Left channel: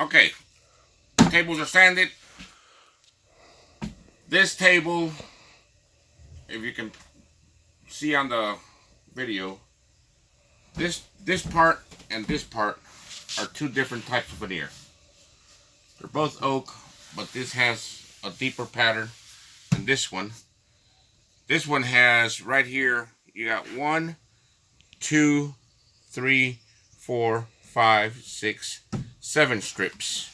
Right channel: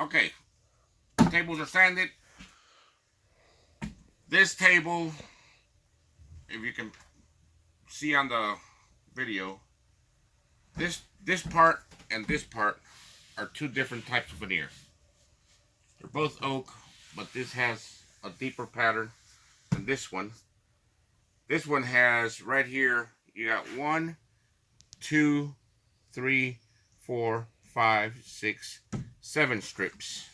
Okay, tables are sanded. This table, if you can see on the video, this part and this part are two different types of veneer. They're both oak, but this has a deeper pattern than this one. This one has right here, you got 1, 2, 3, 4, 5, 6, 7 strips.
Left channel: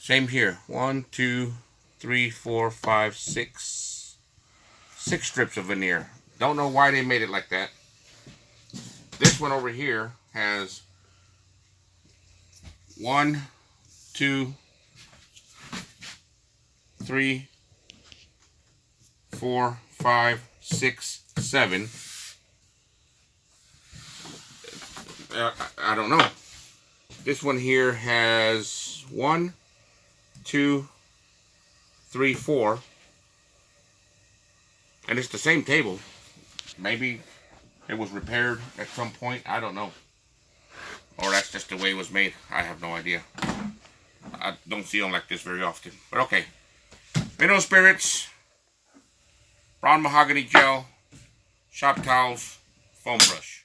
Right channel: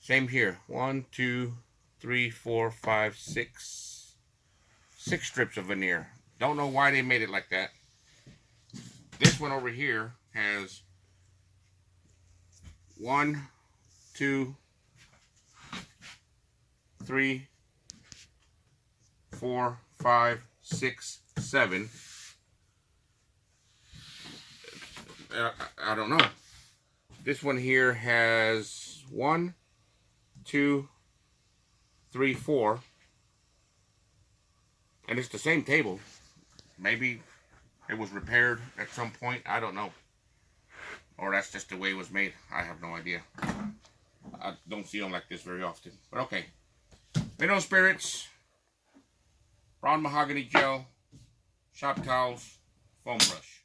Same here. 1, 2, 3, 4, 5, 6. 6 strips of veneer. Don't know why they made it like that. This one over here has 1, 2, 3, 4, 5, 6, 7. I don't know. This one here has 1, 2, 3, 4. And it's the same table. Maybe it was repaired at some point. I don't know. Or that's just the way it was made. I have no idea. I don't see them like this very often. But okay. Mineral spirits. Brown mahogany gel. Shop towels. Foam brush.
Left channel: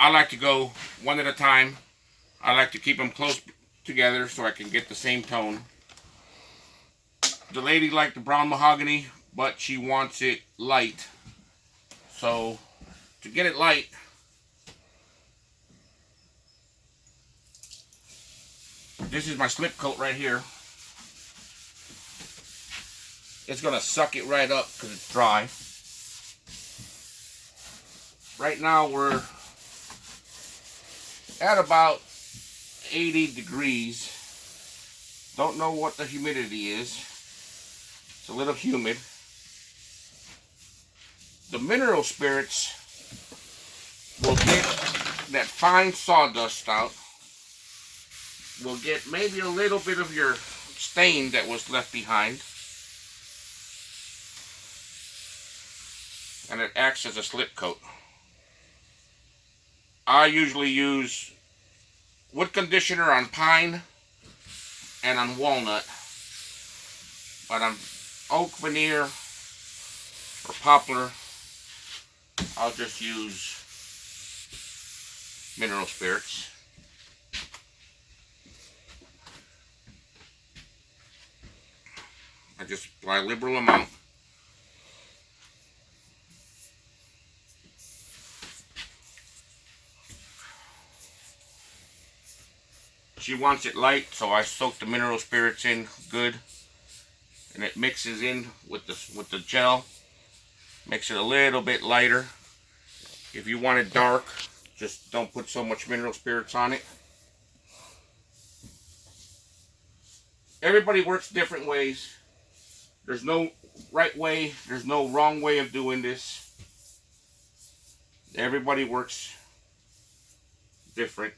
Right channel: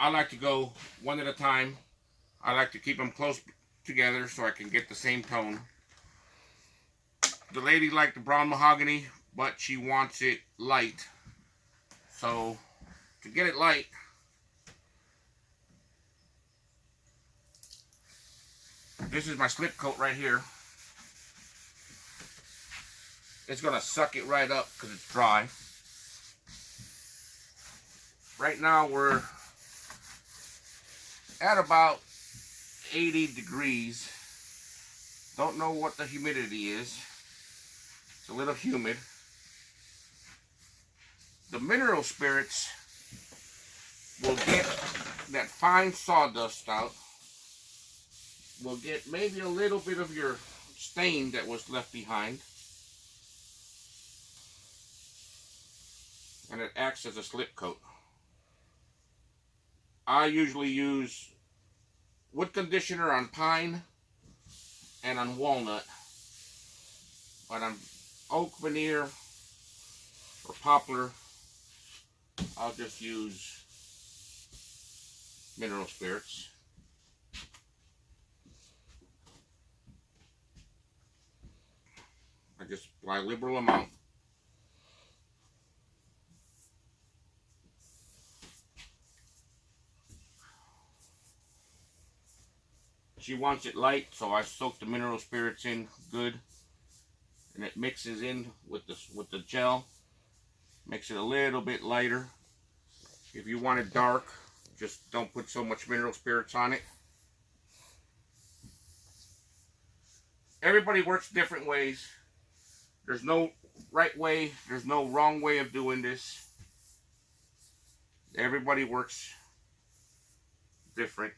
I like to go one at a time. I like to keep them close together so I can get the same tone. The lady liked the brown mahogany, but she wants it light. So, to get it light, this is my slip coat right here. It's going to suck it right up because it's dry. Right now we're at about 80 degrees. Don't know what the humidity is. It's a little humid. The mineral spirits will get that fine sawdust out. We'll get maybe a little bit of your stain that was left behind. And it acts as a slip coat. I usually use wood conditioner on pine and on walnut. But on oak veneer or poplar, I'll just use mineral spirits. I just apply a liberal amount. She wants it light, so I soak the mineral spirits in good, and it mixes in with the gel. Makes it a little bit lighter. If you want it dark, just don't put so much mineral spirits on it. Everybody works different ways. There's no right way, there's no wrong way of doing this. Everybody works different.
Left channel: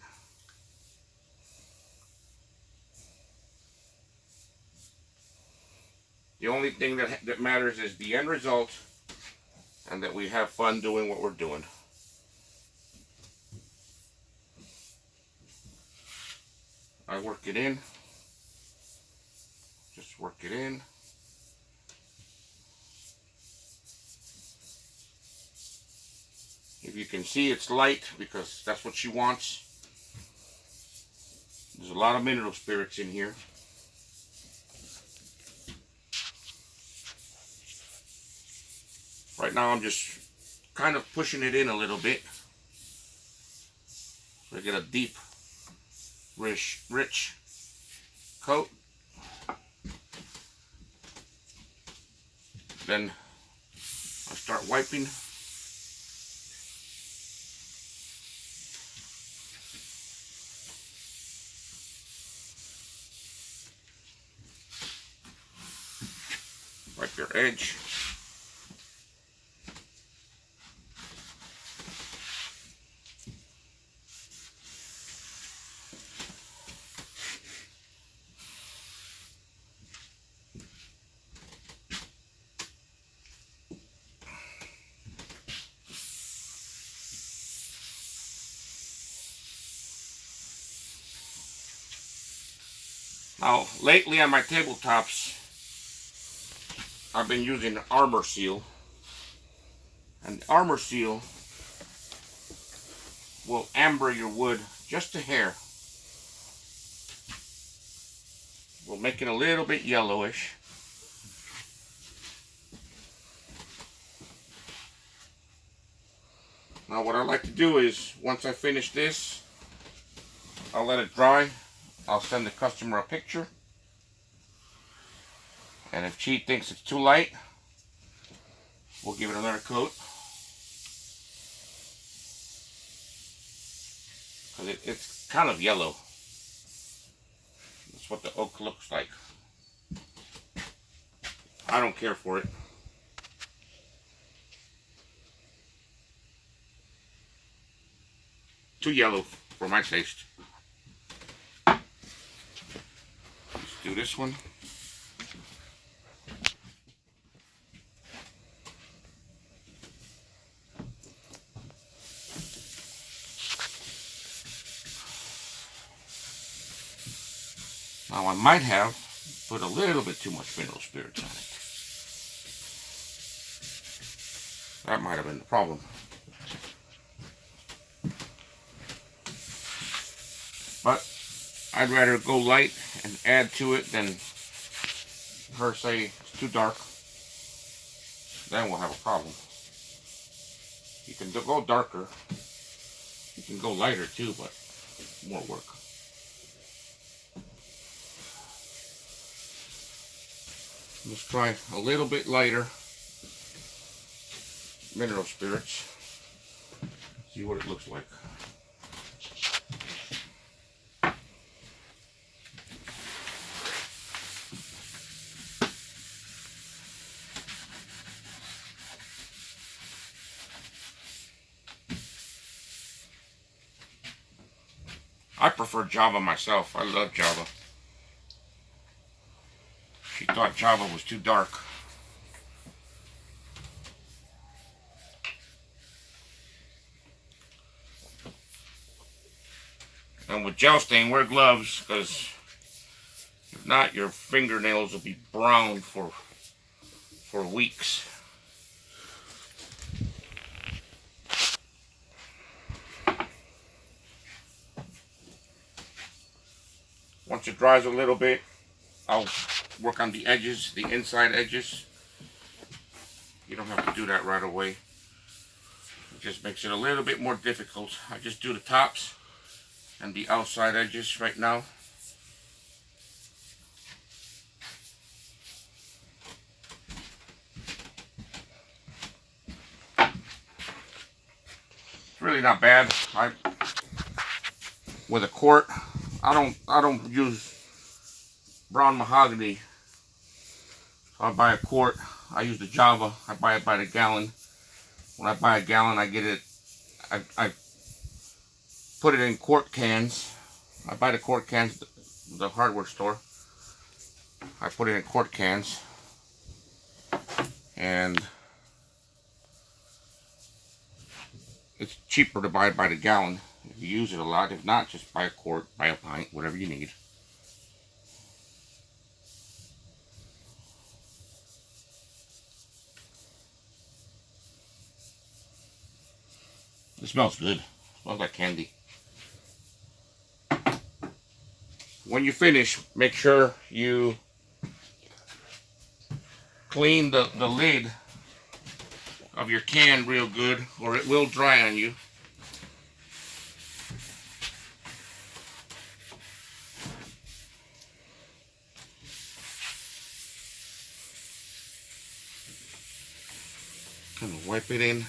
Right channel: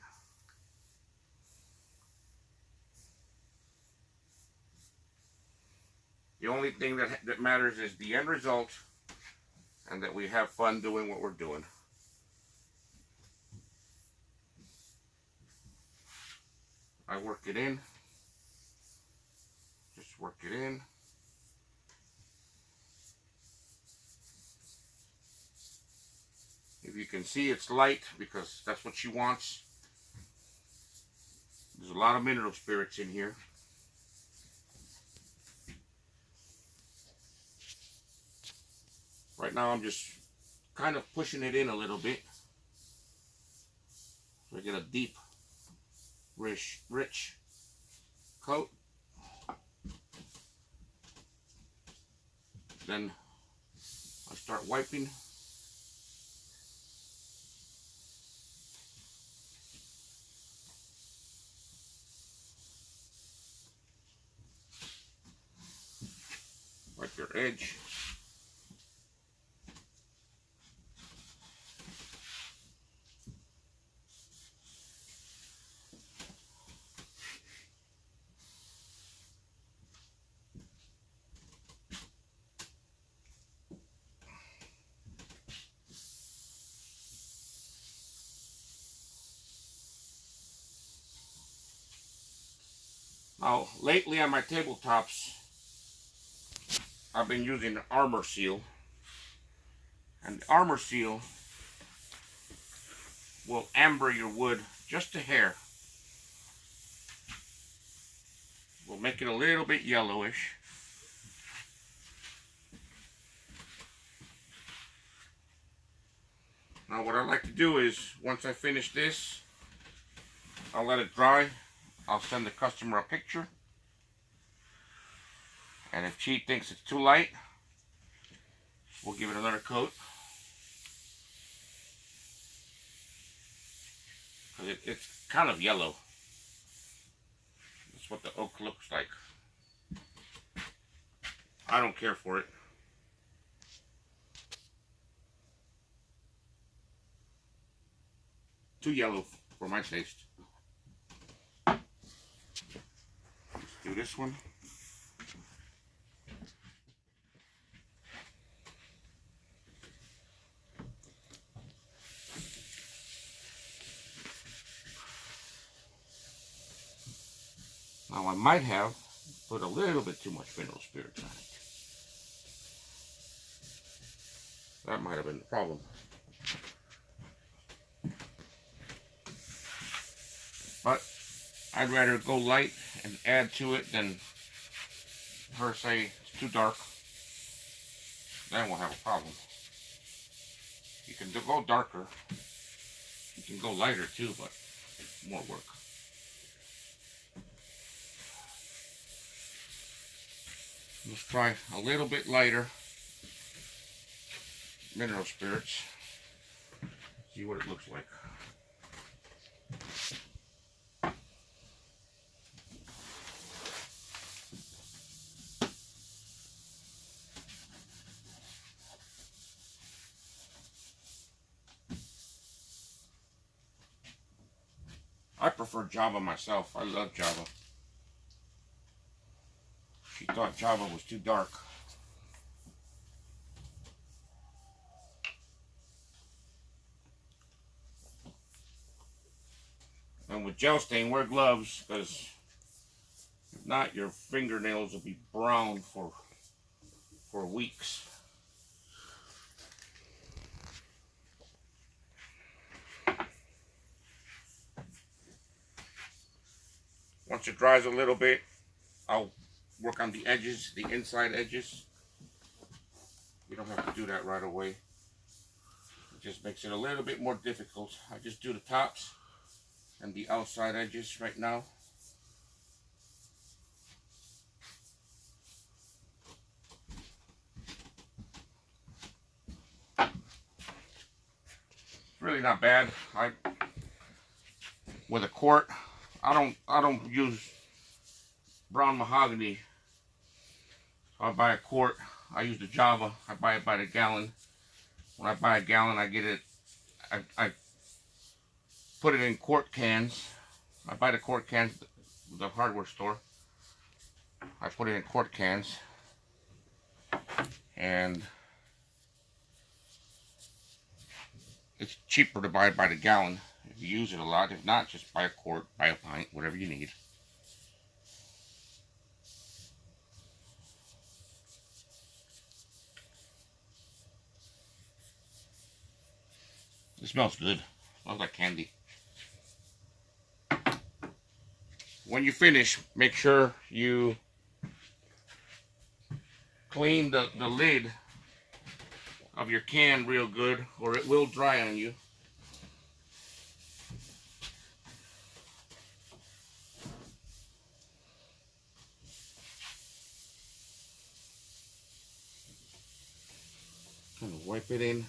The only thing that matters is the end result, and that we have fun doing what we're doing. I work it in. Just work it in. If you can see, it's light because that's what she wants. There's a lot of mineral spirits in here. Right now I'm just kind of pushing it in a little bit so I get a deep, rich coat. Then I start wiping. Wipe your edge. Now, lately on my tabletops, I've been using Armor Seal. And Armor Seal will amber your wood just a hair. We'll make it a little bit yellowish. Now what I like to do is, once I finish this, I'll let it dry. I'll send the customer a picture. And if she thinks it's too light, we'll give it another coat. Because it's kind of yellow. That's what the oak looks like. I don't care for it. Too yellow for my taste. Let's do this one. Now I might have put a little bit too much mineral spirits on it. That might have been the problem. But I'd rather go light and add to it than her say it's too dark. Then we'll have a problem. You can go darker. You can go lighter too, but more work. Let's try a little bit lighter mineral spirits. See what it looks like. I prefer Java myself. I love Java. She thought Java was too dark. And with gel stain, wear gloves, because if not, your fingernails will be brown for weeks. Once it dries a little bit, I'll work on the edges, the inside edges. You don't have to do that right away. It just makes it a little bit more difficult. I just do the tops and the outside edges right now. It's really not bad. With a quart, I don't use brown mahogany. I buy a quart. I use the Java. I buy it by the gallon. When I buy a gallon, I get it. I put it in quart cans. I buy the quart cans at the hardware store. I put it in quart cans, and it's cheaper to buy it by the gallon if you use it a lot. If not, just buy a quart, buy a pint, whatever you need. It smells good. It smells like candy. When you finish, make sure you clean the lid of your can real good, or it will dry on you. Kind of wipe it in.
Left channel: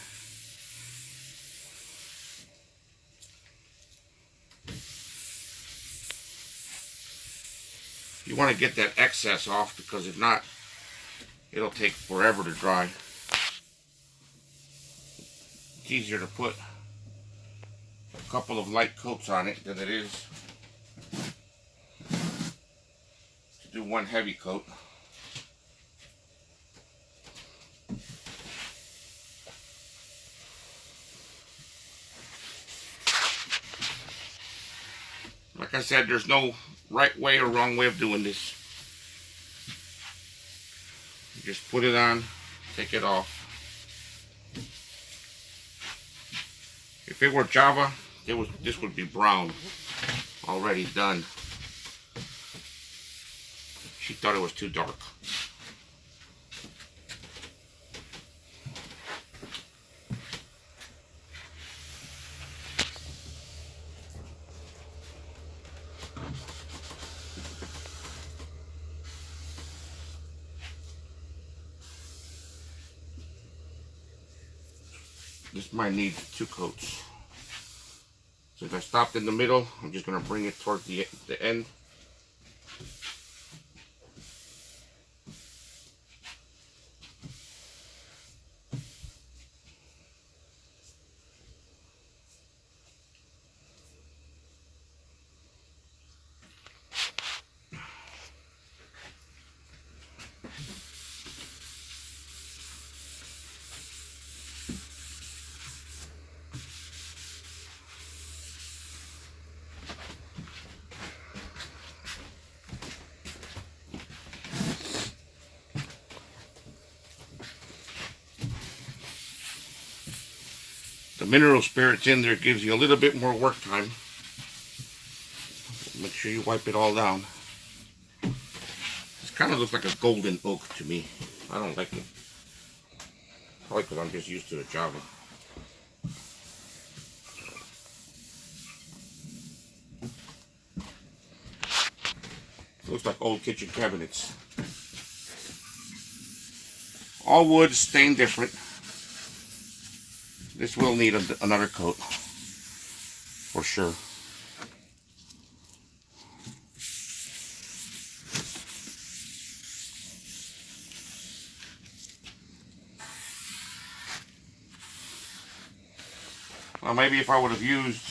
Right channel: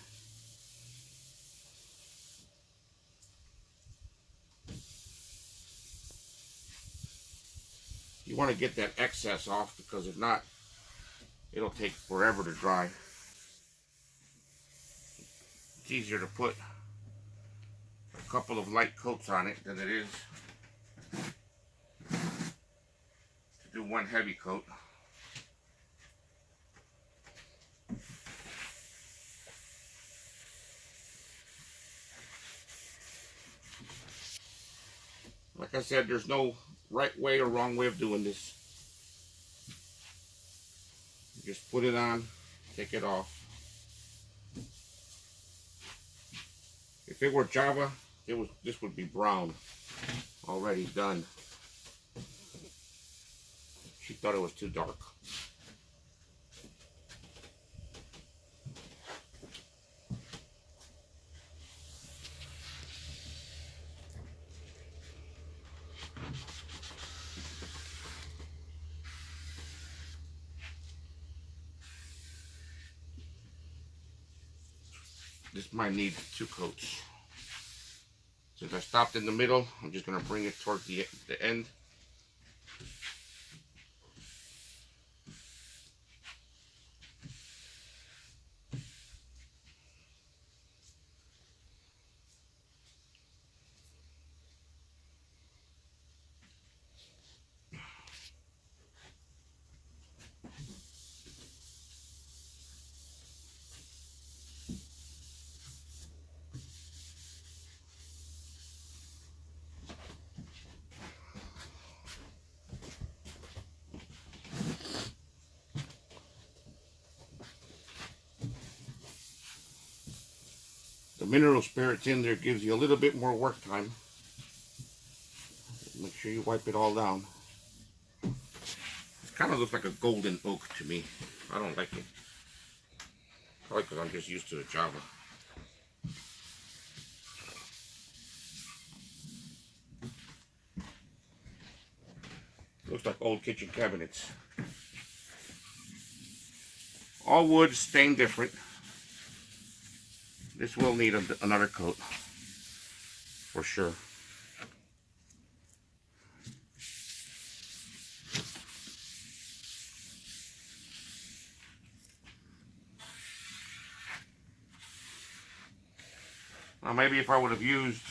You want to get that excess off, because if not, it'll take forever to dry. It's easier to put a couple of light coats on it than it is to do one heavy coat. Like I said, there's no right way or wrong way of doing this. You just put it on, take it off. If it were Java, this would be brown, already done. She thought it was too dark. This might need 2 coats. Since I stopped in the middle, I'm just going to bring it towards the end. The mineral spirits in there gives you a little bit more work time. Make sure you wipe it all down. This kind of looks like a golden oak to me. I don't like it. Probably because I'm just used to the Java. Looks like old kitchen cabinets. All wood, stain different. This will need another coat, for sure. Well, maybe if I would have used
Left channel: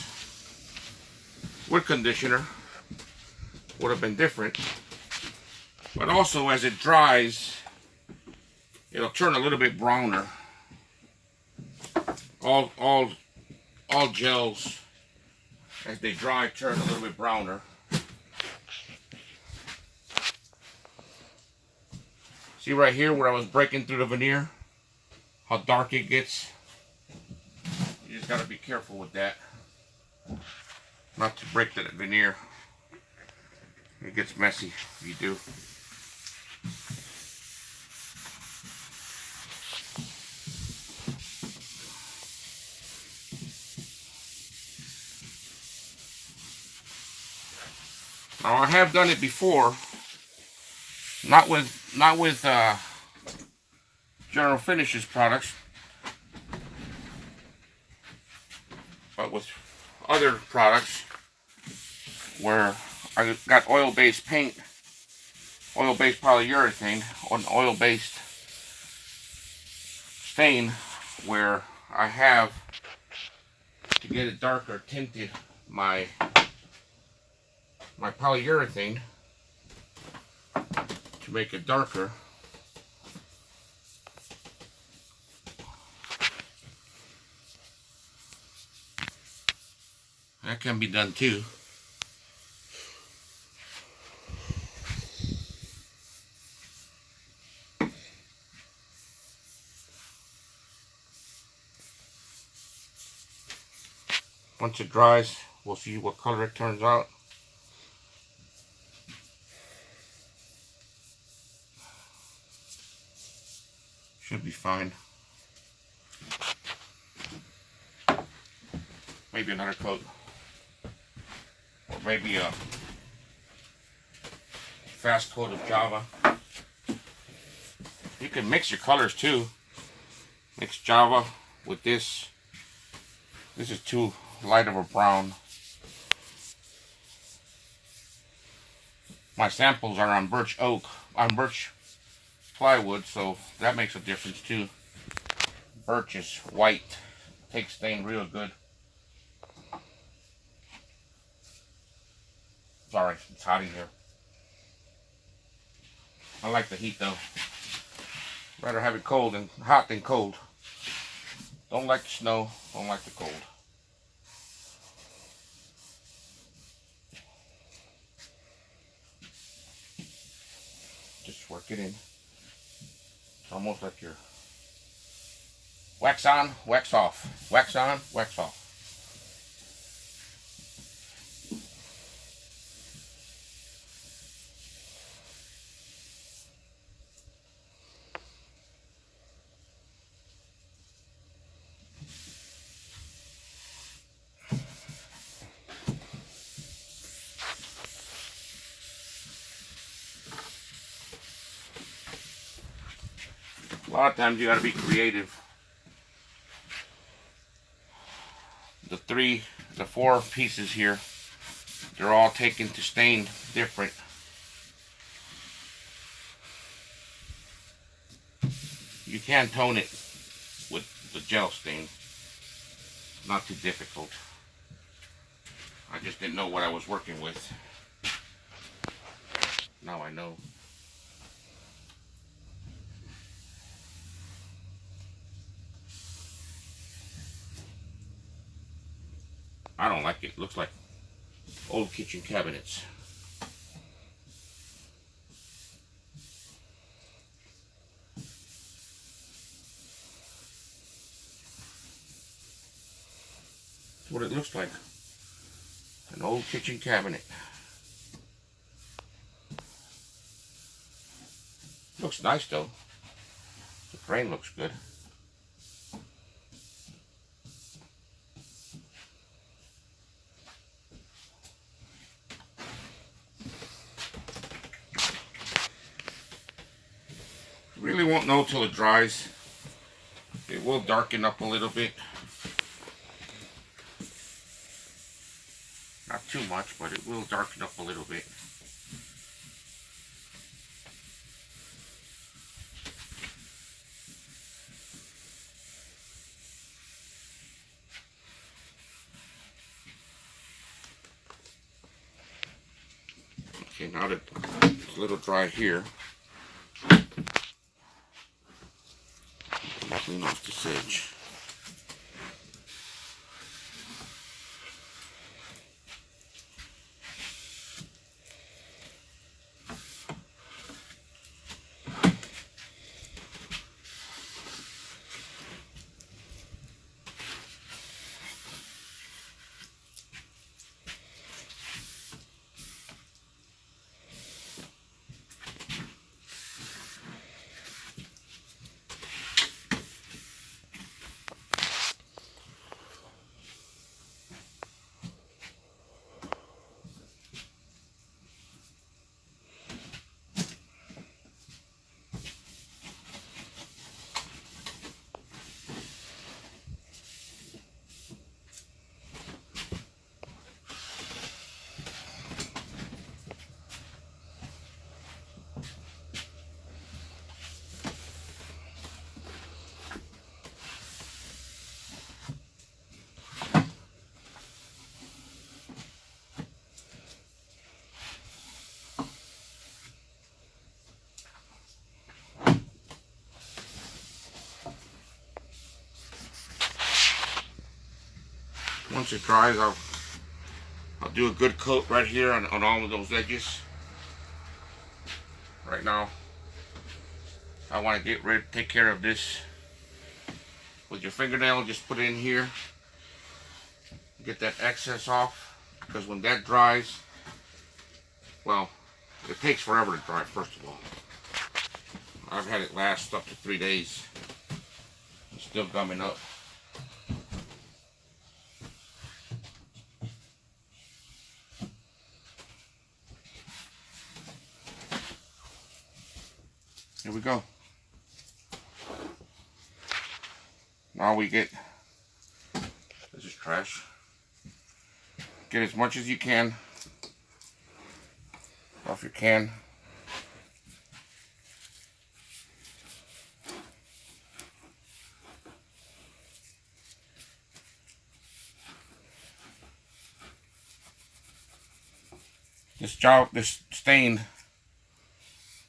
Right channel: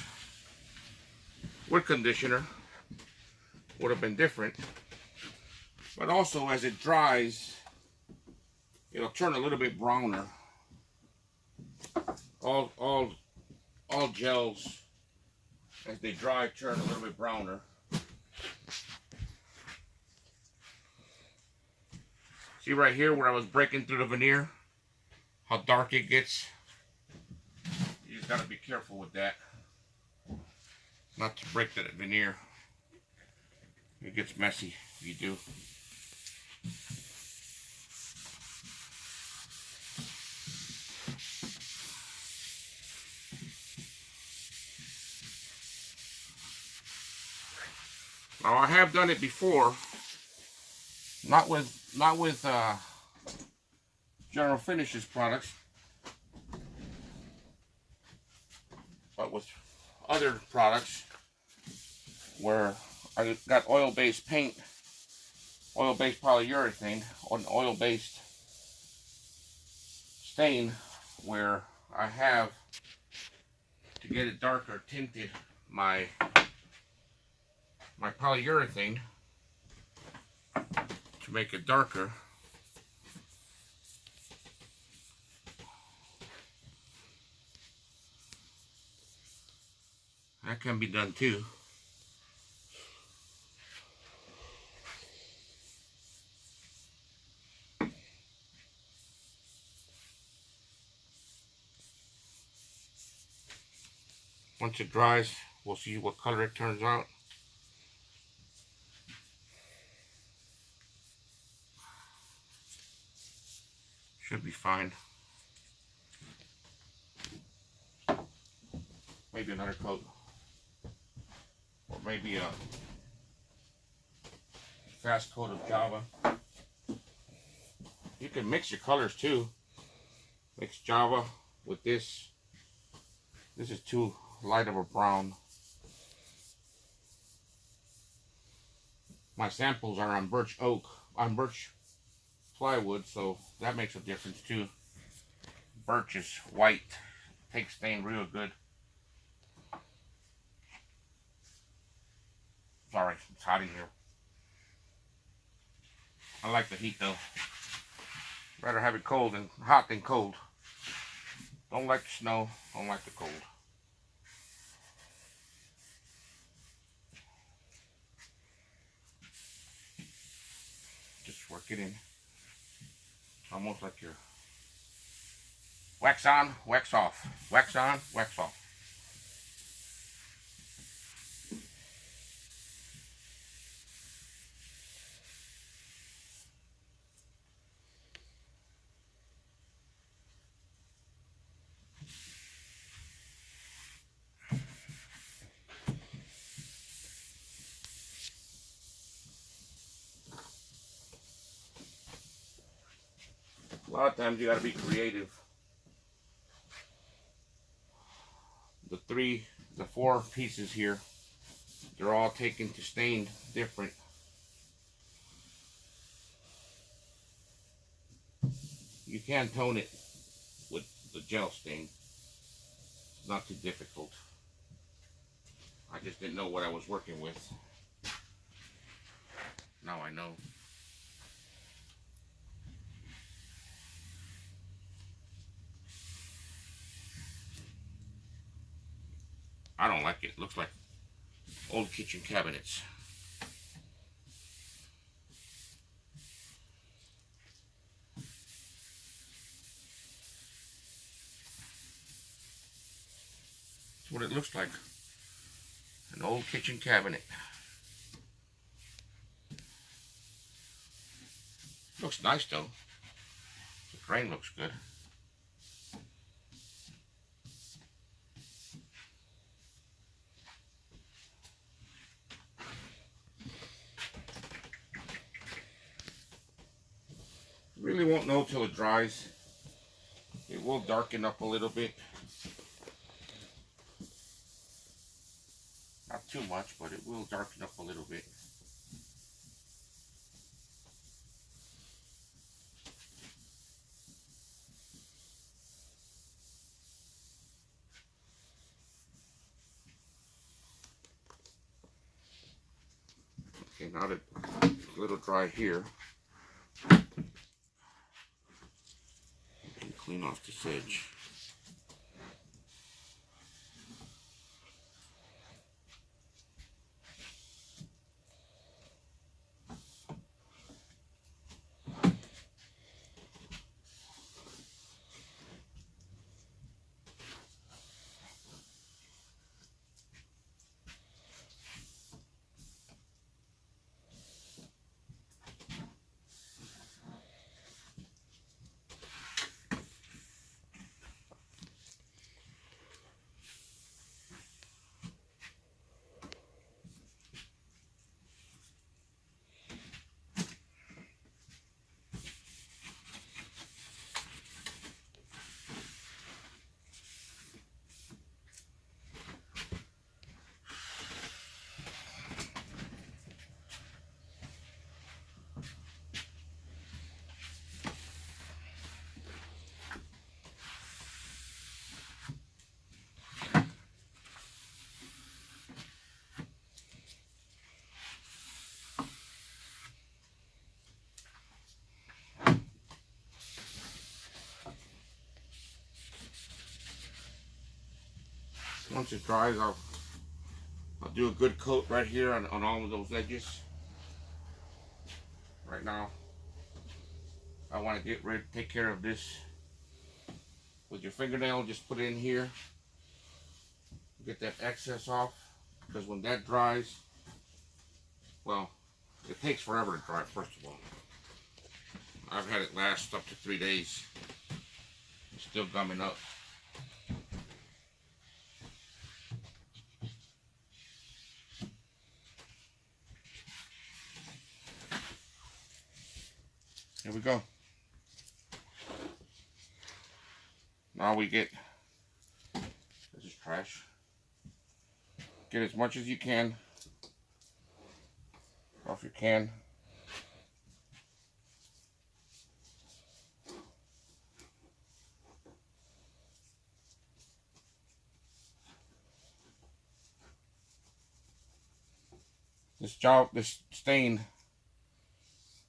wood conditioner, would have been different. But also, as it dries, it'll turn a little bit browner. All gels, as they dry, turn a little bit browner. See right here where I was breaking through the veneer, how dark it gets. You just gotta be careful with that, not to break the veneer. It gets messy if you do. Now I have done it before, not with General Finishes products, but with other products where I got oil-based paint, oil-based polyurethane, or an oil-based stain, where I have, to get it darker, tinted my polyurethane to make it darker. That can be done too. Once it dries, we'll see what color it turns out. Should be fine. Maybe another coat. Or maybe a fast coat of Java. You can mix your colors too. Mix Java with this. This is too light of a brown. My samples are on birch oak, on birch plywood, so that makes a difference too. Birch is white, takes stain real good. Sorry, it's hot in here. I like the heat though. Rather have it cold and hot than cold. Don't like the snow, don't like the cold. work it in. It's almost like your wax on, wax off. Wax on, wax off. A lot of times you gotta be creative. The four pieces here, they're all taken to stain different. You can tone it with the gel stain. It's not too difficult. I just didn't know what I was working with. Now I know. I don't like it. Looks like old kitchen cabinets. That's what it looks like. An old kitchen cabinet. Looks nice though. The frame looks good. Really won't know till it dries. It will darken up a little bit. Not too much, but it will darken up a little bit. Okay, now that it's a little dry here, I'll clean off this edge. Once it dries, I'll do a good coat right here on all of those edges. Right now, I want to take care of this with your fingernail. Just put it in here, get that excess off, because when that dries, well, it takes forever to dry, first of all. I've had it last up to 3 days. It's still gumming up. Here we go. Now we get, this is trash. Get as much as you can off your can. This stain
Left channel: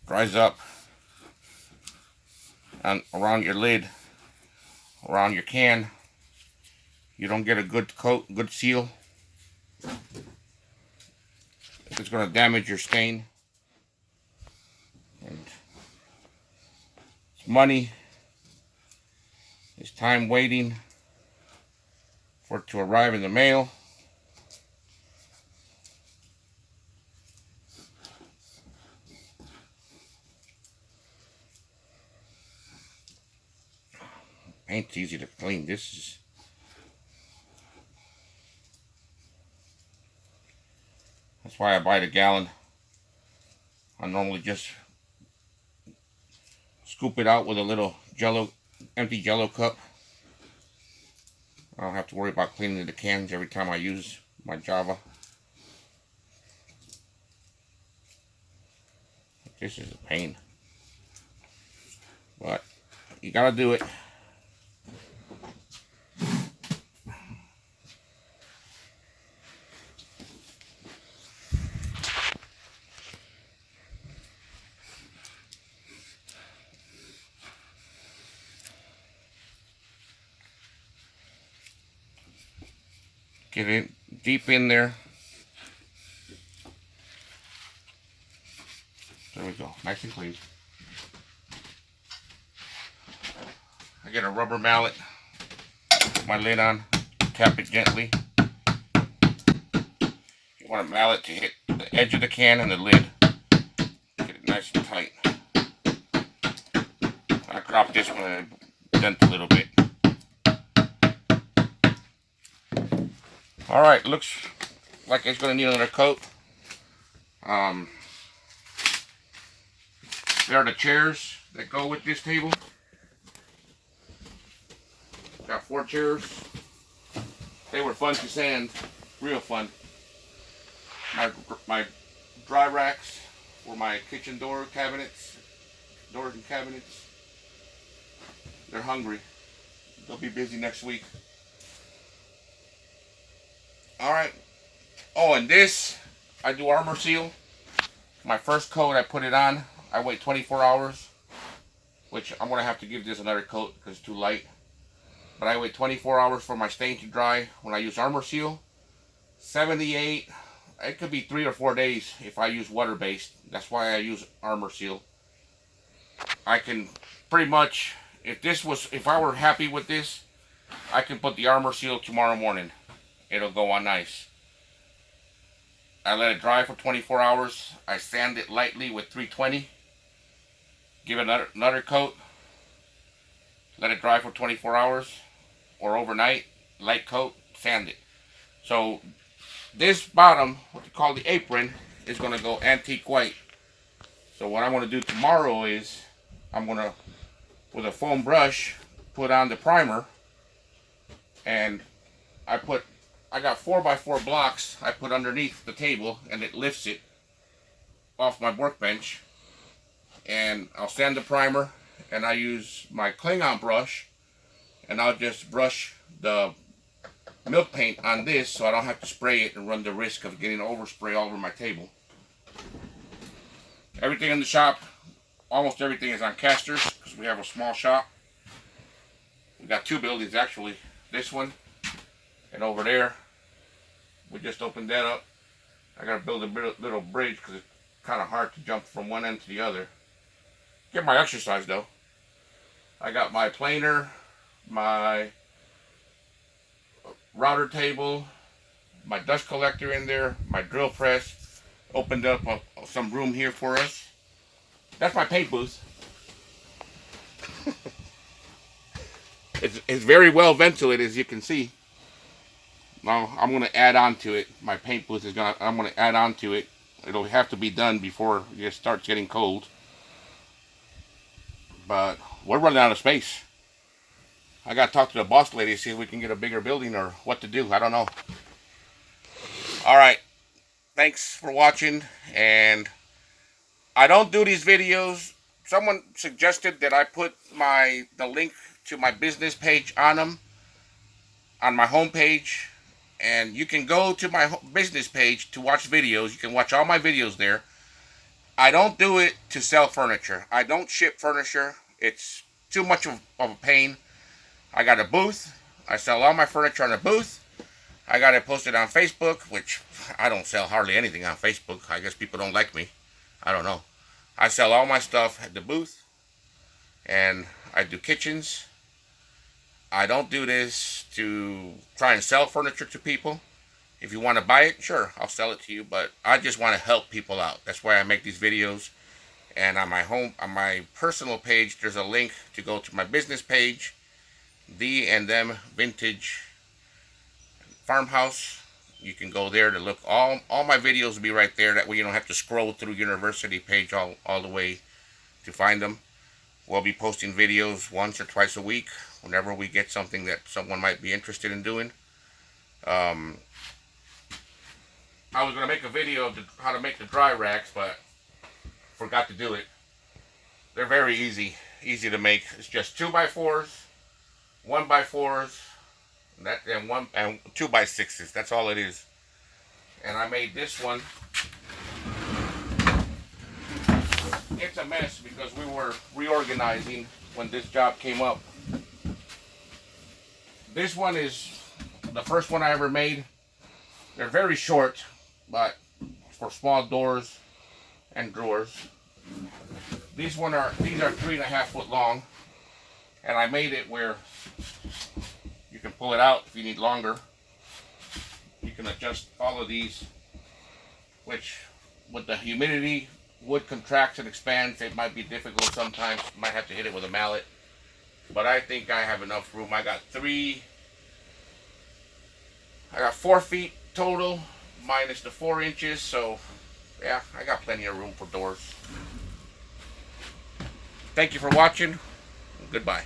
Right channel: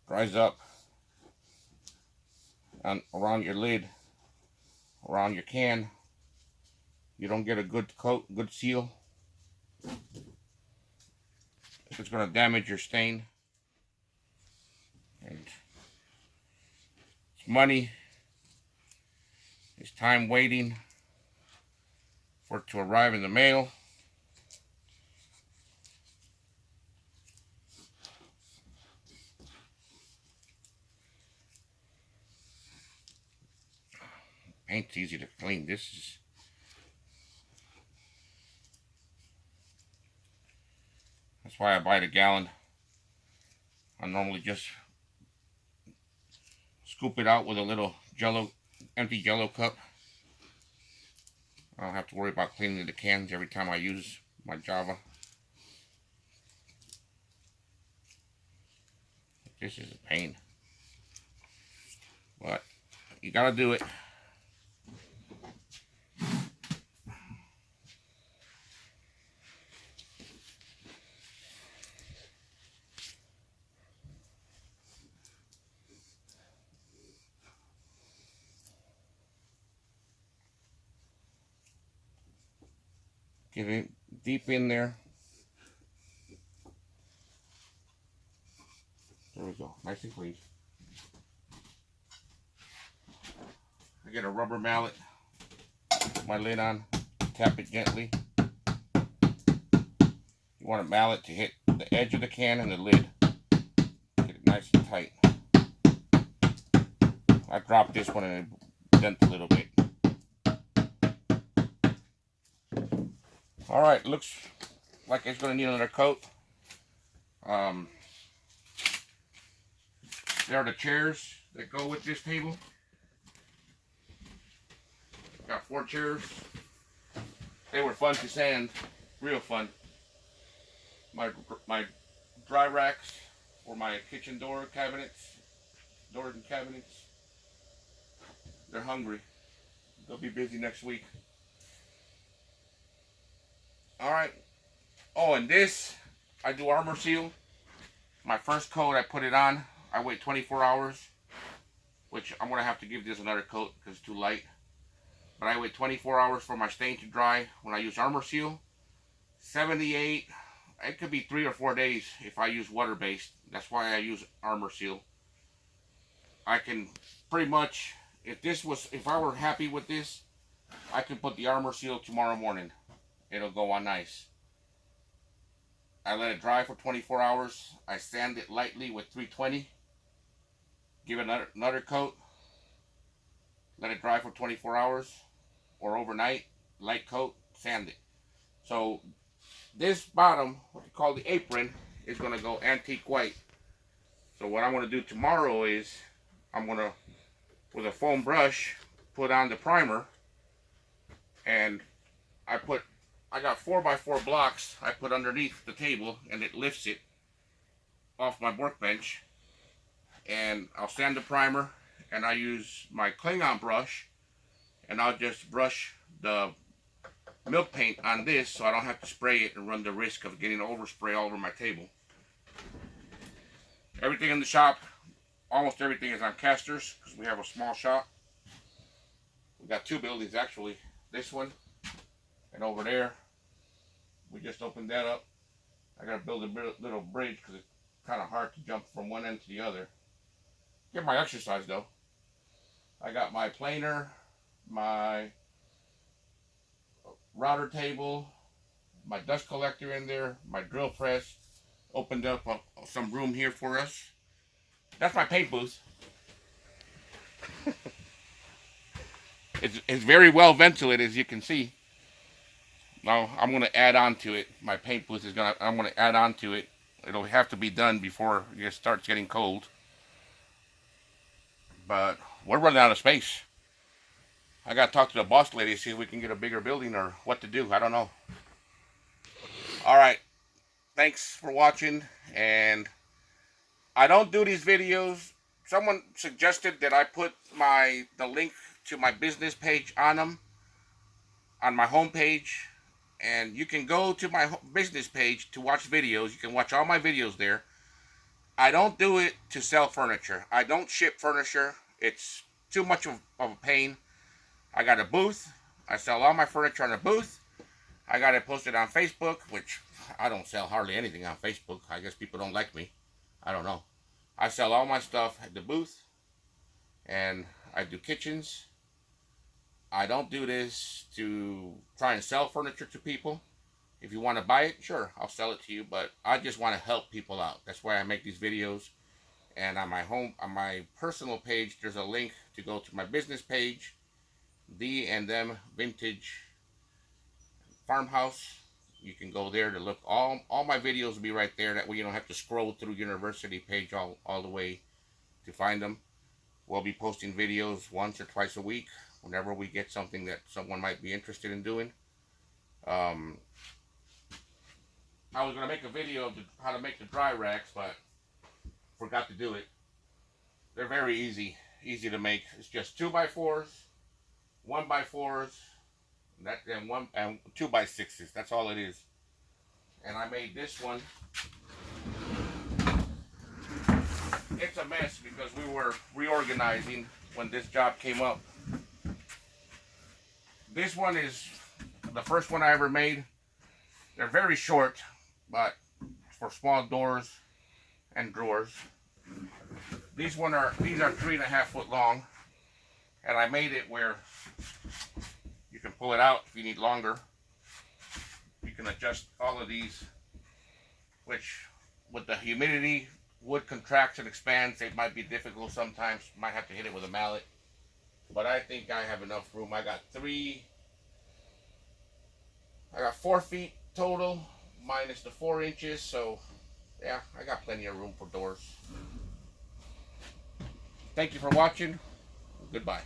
dries up and around your lid, around your can. You don't get a good coat, good seal. It's going to damage your stain. And money. It's time waiting for it to arrive in the mail. Paint's easy to clean. That's why I buy the gallon. I normally just scoop it out with a little empty Jello cup. I don't have to worry about cleaning the cans every time I use my Java. This is a pain, but you gotta do it. Get it deep in there. There we go, nice and clean. I get a rubber mallet, put my lid on, tap it gently. You want a mallet to hit the edge of the can and the lid. Get it nice and tight. I dropped this one and it dent a little bit. Alright, looks like it's going to need another coat. There are the chairs that go with this table. Got 4 chairs. They were fun to sand, real fun. My dry racks for my kitchen doors and cabinets. They're hungry. They'll be busy next week. Alright. Oh, and this, I do armor seal. My first coat, I put it on. I wait 24 hours, which I'm going to have to give this another coat because it's too light. But I wait 24 hours for my stain to dry when I use armor seal. 78, it could be 3 or 4 days if I use water-based. That's why I use armor seal. I can pretty much, if I were happy with this, I can put the armor seal tomorrow morning. It'll go on nice. I let it dry for 24 hours. I sand it lightly with 320. Give it another coat. Let it dry for 24 hours or overnight. Light coat, sand it. So this bottom, what they call the apron, is going to go antique white. So what I'm going to do tomorrow is I'm going to, with a foam brush, put on the primer. And I got 4x4 blocks I put underneath the table, and it lifts it off my workbench. And I'll sand the primer, and I use my Klingon brush, and I'll just brush the milk paint on this so I don't have to spray it and run the risk of getting overspray all over my table. Everything in the shop, almost everything is on casters because we have a small shop. We got 2 buildings actually. This one and over there. We just opened that up. I gotta build a little bridge because it's kind of hard to jump from one end to the other. Get my exercise though. I got my planer, my router table, my dust collector in there, my drill press. Opened up some room here for us. That's my paint booth. It's very well ventilated, as you can see. Now I'm going to add on to it. My paint booth I'm going to add on to it. It'll have to be done before it starts getting cold. But we're running out of space. I got to talk to the boss lady to see if we can get a bigger building or what to do. I don't know. All right. Thanks for watching. And I don't do these videos. Someone suggested that I put the link to my business page on them, on my home page. And you can go to my business page to watch videos. You can watch all my videos there. I don't do it to sell furniture. I don't ship furniture. It's too much of a pain. I got a booth. I sell all my furniture on a booth. I got it posted on Facebook, which I don't sell hardly anything on Facebook. I guess people don't like me. I don't know. I sell all my stuff at the booth. and I do kitchens. I don't do this to try and sell furniture to people. If you want to buy it, sure, I'll sell it to you, but I just want to help people out. That's why I make these videos. And on my personal page, there's a link to go to my business page, The and Them Vintage Farmhouse. You can go there to look. All my videos will be right there. That way you don't have to scroll through university page all the way to find them. We'll be posting videos once or twice a week whenever we get something that someone might be interested in doing. I was going to make a video of how to make the dry racks, but forgot to do it. They're very easy to make. It's just 2x4s, 1x4s, and 2x6s. That's all it is. And I made this one. It's a mess because we were reorganizing when this job came up. This one is the first one I ever made. They're very short, but for small doors and drawers. These are 3.5 foot long, and I made it where you can pull it out if you need longer. You can adjust all of these, which with the humidity, wood contracts and expands. It might be difficult sometimes. Might have to hit it with a mallet, but I think I have enough room. I got 4 feet total minus the 4 inches, so yeah, I got plenty of room for doors. Thank you for watching. Goodbye.